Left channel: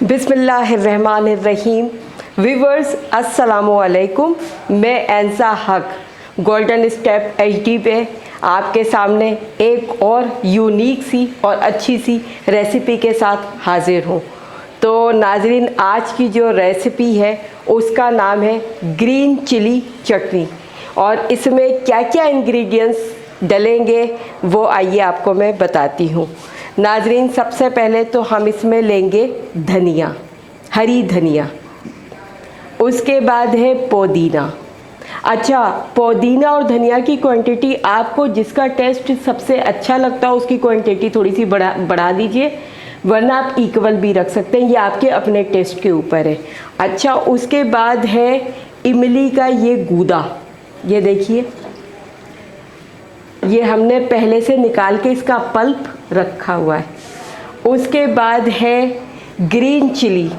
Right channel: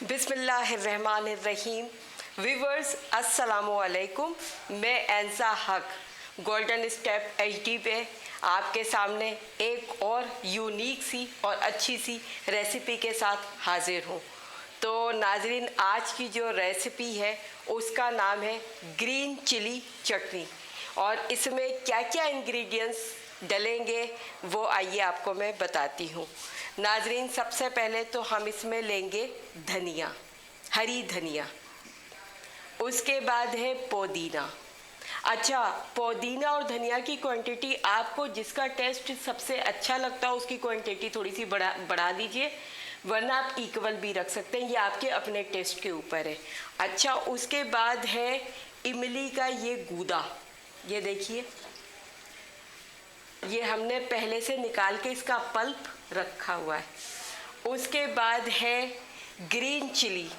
बिस्मिल्लाहिर्रहमानिर्रहीम। व्यूअर्स अस्सलामुअलैकुम। मैं एंसा हक गोल्डन स्टेप एचडी पे आपके सामने एक और यूनिक सी और अच्छी सी रेसिपी के साथ हाजिर हूँ। तो नाजरीन, आज की जो रेसिपी है उसका नाम है ग्रीन चिली चटनी, और इसमें क्या क्या इंग्रेडिएंट्स डलेंगे वो आइए आपको मैं बताती हूँ। नाजरीन, सबसे पहले तो हम इसमें लेंगे धनिया, हरी धनिया। उसके बाद है पुदीना। अच्छा, पुदीना और धनिया की क्वांटिटी आपको जिसका टेस्ट सबसे अच्छा लगता है उसकी क्वांटिटी थोड़ी सी बढ़ा दीजिए, वरना आप इक्वल भी रख सकते हैं, ये आपके अपने टेस्ट के ऊपर है। अच्छा, उसके बाद है इमली का ये गूदा, ये देखिए, ये हमने पहले से निकाल के इसका पल्प रखा हुआ है। उसके बाद है ग्रीन चिली,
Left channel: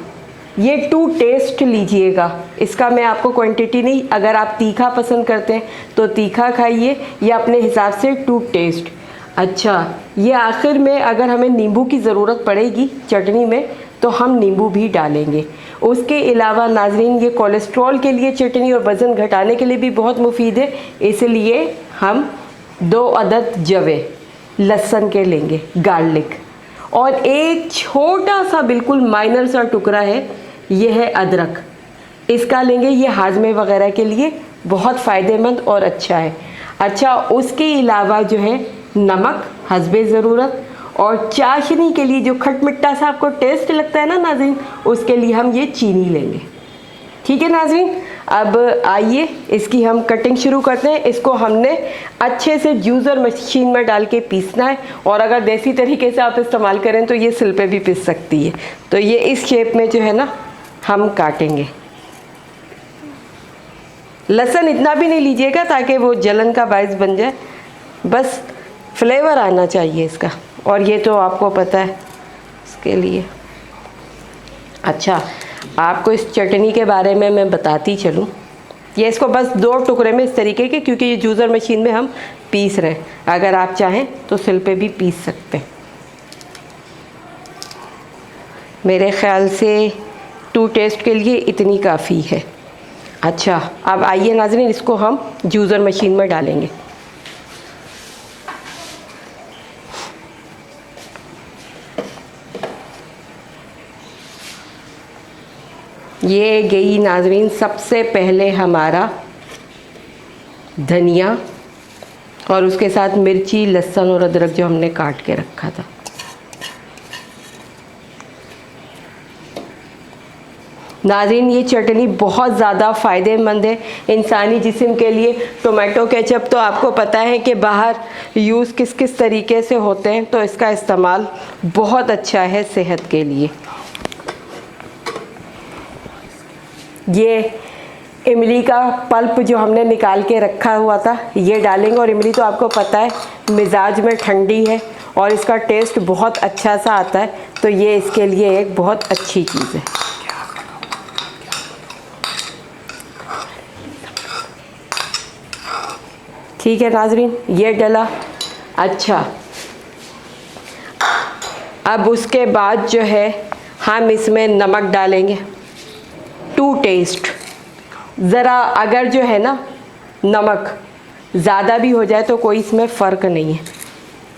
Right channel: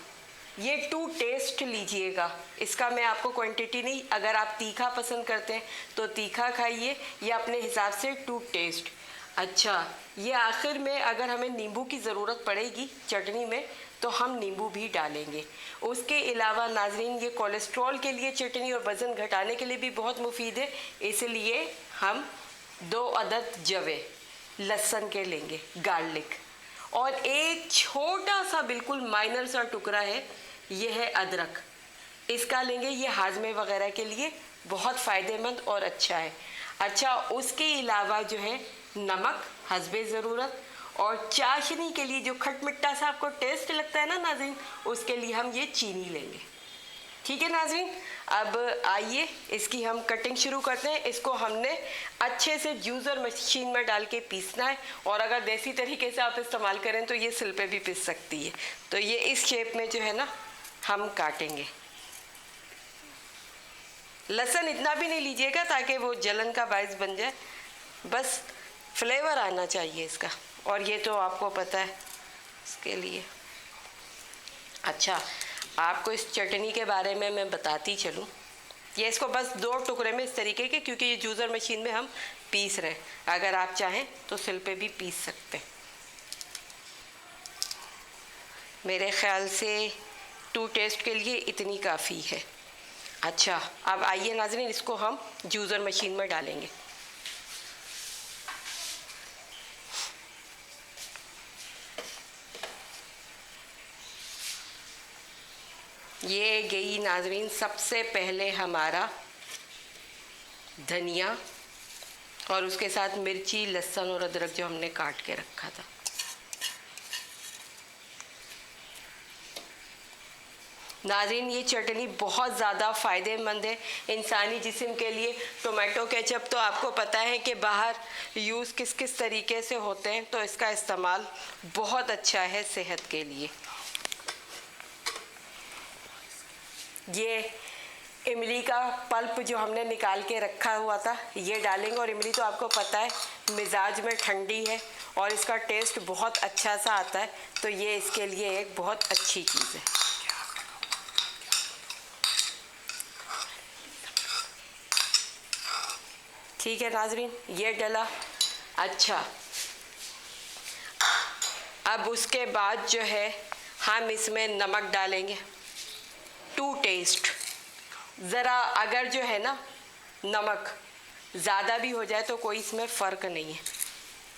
ये टू टेस्ट लीजिएगा, इसका मैं आपको क्वांटिटी नहीं, अगर आप तीखा पसंद करते हैं तो तीखा खाइए या अपने हिसाब से टू टेस्ट। अच्छा, ये आखिर में अगर हमें नींबू की ज़रूरत पड़ेगी चटनी में तो हम नींबू भी डालेंगे। उसके अलावा नाजरीन, ये कोलेस्ट्रॉल के लिए चटनी और वज़न घटाने के लिए भी बहुत मुफीद है, इसलिए हम 2 अदद जवे लहसुन के लेंगे, गार्लिक, और एक छोटा सा बिल्कुल माइनर सा टुकड़ा है, ये है अदरक, इसका लेंगे। ये हाजमे वगैरह के लिए बहुत फ़ायदेमंद और अच्छा है। अच्छा, उसके अलावा जो है नमक हस्बे ज़रूरत, और चाशनी के लिए जो खट मिट्टा सा आपको टेस्ट लगता है ना नाज़रीन, उसके लिए हम ये चीनी लेंगे। ठीक है नाज़रीन, अब आइए इसकी हम कटिंग शुरू करते हैं। इसको हमने अच्छे से जूसर मशीन में डाल के पीसना है, और अगर देसी तरीके से आप इस्तेमाल करें तो ये सिल पे भी पीस सकती है। तो ये इस शेप में जो है ना हम काटेंगे। लहसुन इतना भी नहीं लीजिएगा ताकि वो जलन का बायस बन जाए, बस फ्लेवर आना चाहिए इसका, और ये तो आपको पता है इसके लिए। अच्छा, आपको इस चटनी के बारे में मैं बताती चलूँ। ये इसको बस 2 टुकड़े में इस तरीके के, क्योंकि ये जूसर मशीन में हम पीस रहे हैं, अगर आप चाहें तो सिल पे भी पीस सकते हैं। मेरे ख़्याल से टू टेस्ट के लिए इतनी काफ़ी है। अच्छा, अब आइए नाज़रीन, इसको हम जूसर मशीन में डालेंगे। ये गई नाजरीन सबसे पहले हमारा धनिया, और उसके साथ मिर्ची, लहसुन और अदरक जो हमने काट के रखा था। नाज़रीन, ये चटनी बहुत ज़्यादा फ़ायदेमंद है इंसानी जिस्म के लिए। टोमेटो केचप तो आपको पता है कि बाहर यूज़ किस किस तरीके से होते हैं, तो इसका इस्तेमाल बहुत अच्छा है सेहत के लिए। ये इमली का पल्प जो हमने निकाल के रखा हुआ था ये डालेंगे, और इमली तो आपको पता है मिजाज में ठंडी है और इसका टेस्ट बहुत अच्छा सा आता है, तो ये इसके लिए एक बहुत अच्छी चीज़ है। ठीक है नाजरीन, ये डला। अच्छा, अब उसके बाद जो है हम इसमें नमक डालेंगे, टू टेस्ट। ज़रा अगर जो है ना नमक ज़्यादा भी हो जाए तो कोई इसमें फ़र्क नहीं है,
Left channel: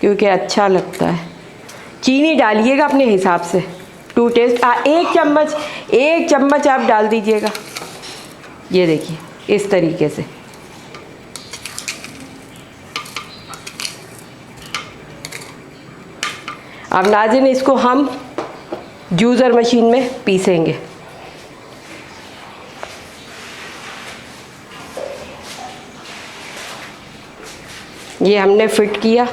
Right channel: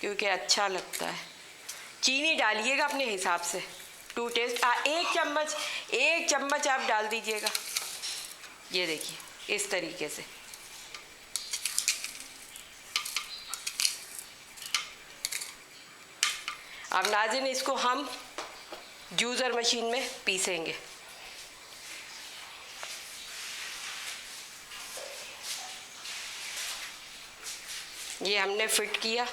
क्योंकि अच्छा लगता है। चीनी डालिएगा अपने हिसाब से, टू टेस्ट। 1 चम्मच आप डाल दीजिएगा, ये देखिए इस तरीके से। अब नाज़रीन, इसको हम जूसर मशीन में पीसेंगे। ये हमने फिट किया।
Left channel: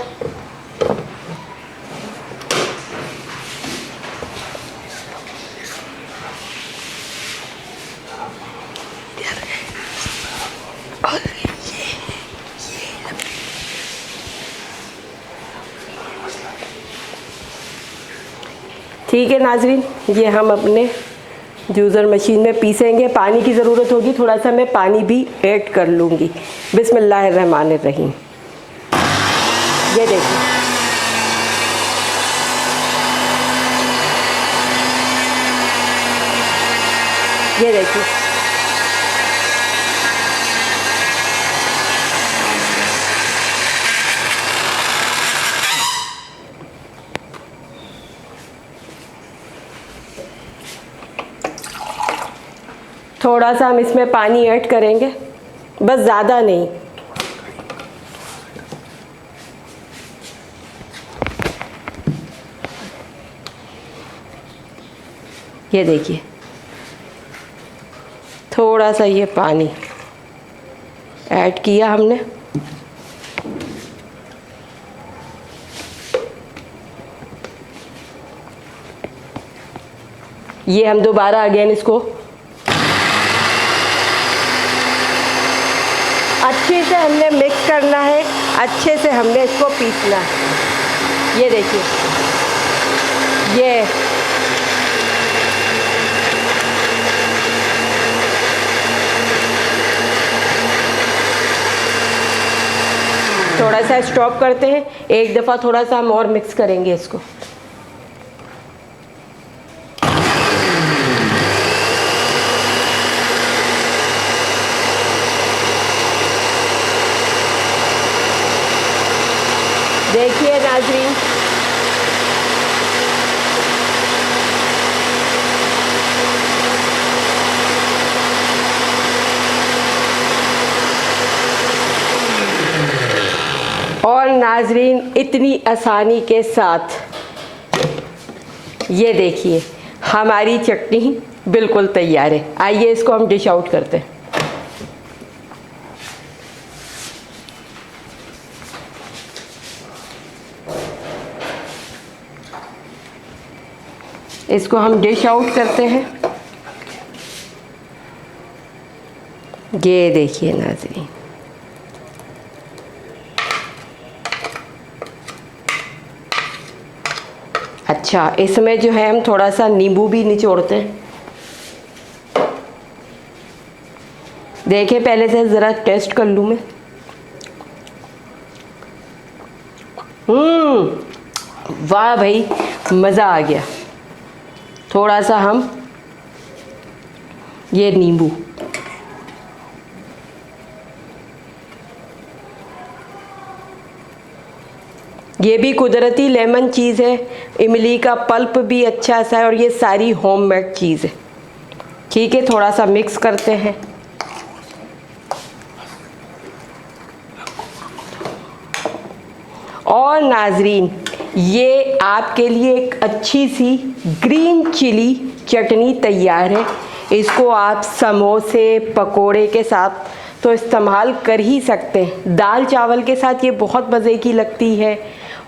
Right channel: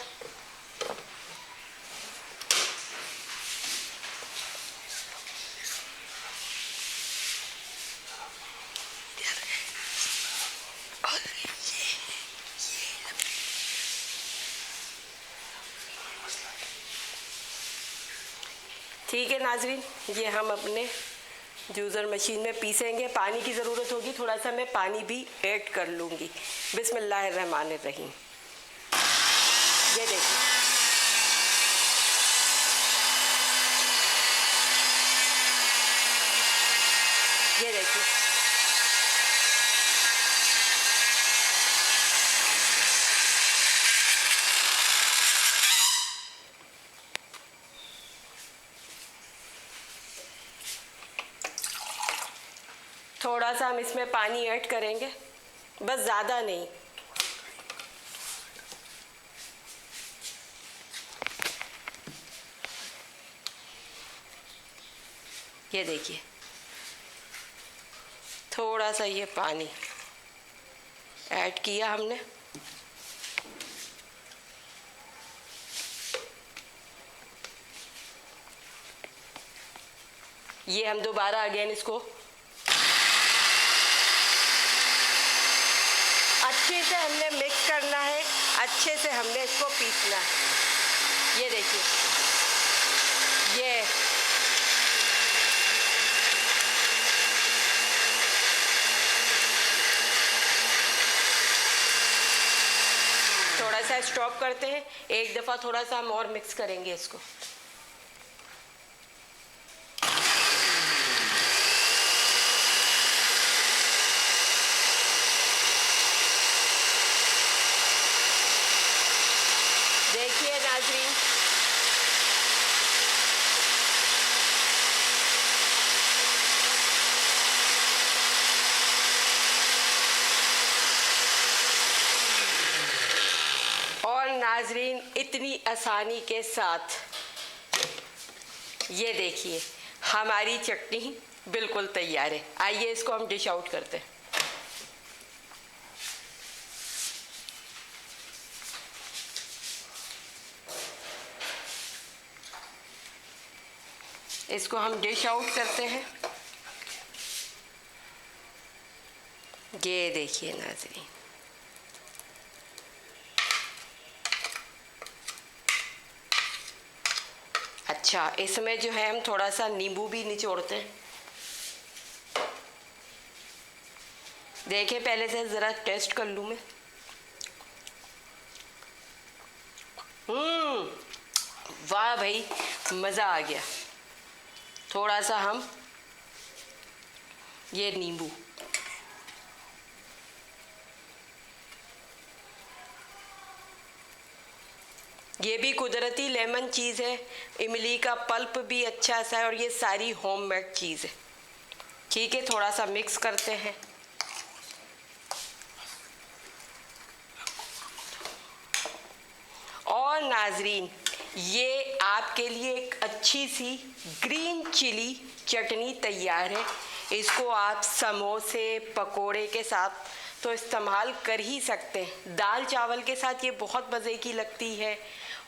ठीक है नाजरीन, ये हम अपने जूसर मशीन में पीसेंगे। पानी की ज़रूरत होगी, थोड़ा सा मैं पानी भी ऐड कर लूँगी। बिस्मिल्लाहिर्रहमानिर्रहीम। ये देखिए, ये देखिए, थोड़ा सा हम इसमें पानी ऐड करेंगे, बस ज़्यादा नहीं। ये देखिए, थोड़ा सा ये पानी ऐड किया हमने। ये हम दोबारा अगेन इसको अच्छे से हमने मिक्स करना है, अच्छे से हमने इसको पीसना है। ये देखिए, ये थोड़ा सा स्टॉप करते हैं, एक दफ़ा थोड़ा सा हम और मिक्स करेंगे इसको। देखिए नाज़रीन, और नाज़रीन इतनी आसानी के साथ ये देखिए हमारी चटनी बिल्कुल तैयार है। आइए इसको हम डिश आउट करते हैं। इसको हम डिश आउट करते हैं। ये देखिए नाज़रीन, अच्छा इसमें जो है हम थोड़ा सा नींबू भी निचोड़ते हैं। देखिए पहले से ज़रा टेस्ट कर लूँ मैं। वाह भाई, मज़ा आ गया। थोड़ा सा हम ये नींबू, ये भी कुदरती लेमन चीज़ है, इमली का पल्प भी अच्छा सा है, और ये सारी होममेड चीज़ है। ठीक है, थोड़ा सा मिक्स करते हैं। और नाज़रीन ये आपके लिए एक अच्छी सी ग्रीन चिली चटनी तैयार है। इसको आप समोसे पकोड़े के साथ तो इस्तेमाल कर ही सकते हैं, दाल चावल के साथ ये बहुत मज़े की लगती है।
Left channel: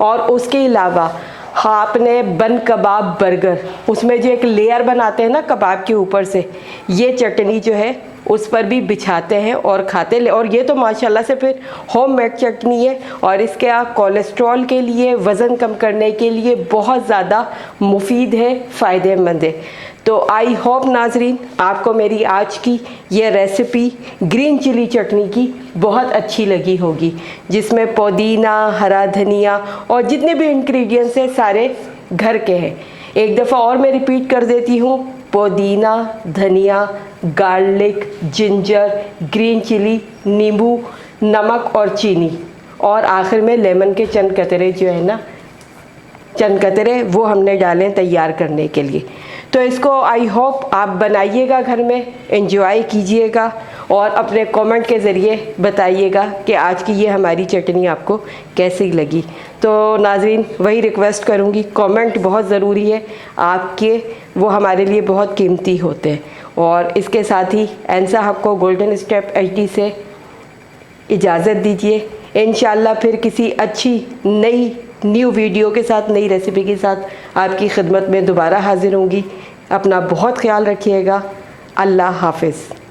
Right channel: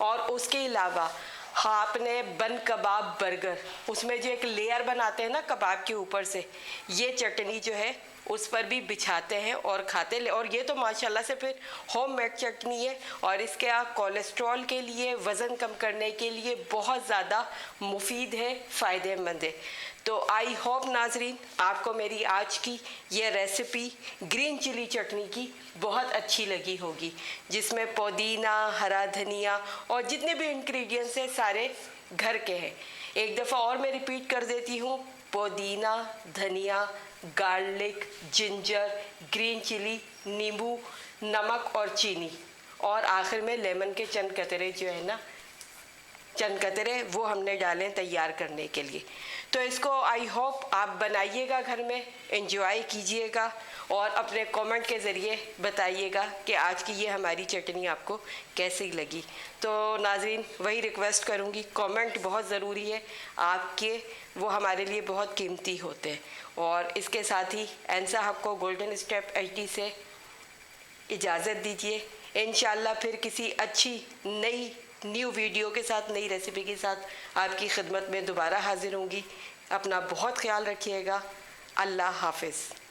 और उसके अलावा आपने बन कबाब बर्गर, उसमें जो एक लेयर बनाते हैं ना कबाब के ऊपर से, ये चटनी जो है उस पर भी बिछाते हैं और खाते हैं। और ये तो माशाल्लाह से फिर होममेड चटनी है, और इसके आप कोलेस्ट्रॉल के लिए, वज़न कम करने के लिए बहुत ज़्यादा मुफीद है, फ़ायदेमंद है। तो आई होप नाज़रीन आपको मेरी आज की ये रेसिपी ग्रीन चिली चटनी की बहुत अच्छी लगी होगी, जिसमें पुदीना, हरा धनिया और जितने भी इंग्रेडिएंट्स हैं सारे घर के हैं। एक दफ़ा और मैं रिपीट कर देती हूँ, पुदीना, धनिया, गार्लिक, जिंजर, ग्रीन चिली, नींबू, नमक और चीनी, और आखिर में लेमन के चंद कतरे जो है ना, चंद कतरे वो हमने डाले तैयार करने के लिए। तो इसको आई होप आप बनाइएगा, घर में एंजॉय कीजिएगा और अपने कमेंट के ज़रिए बताइएगा कि आज की ये हमारी चटनी आपको कैसी लगी। तो नाज़रीन वही रिक्वेस्ट करूँगी, कमेंट बहुत ज़रूरी है आपके, वो हमारे लिए बहुत कीमती होते हैं। और इसके साथ ही एनसा आपको गोल्डन स्टेप HD से इजाज़त दीजिए। इंशाल्लाह फिर किसी अच्छी नई न्यू वीडियो के साथ, नई रेसिपी के साथ आपकी खिदमत में दोबारा हाजिर होंगी। अपना बहुत ख्याल रखिएगा। अल्लाह हाफ़िज़।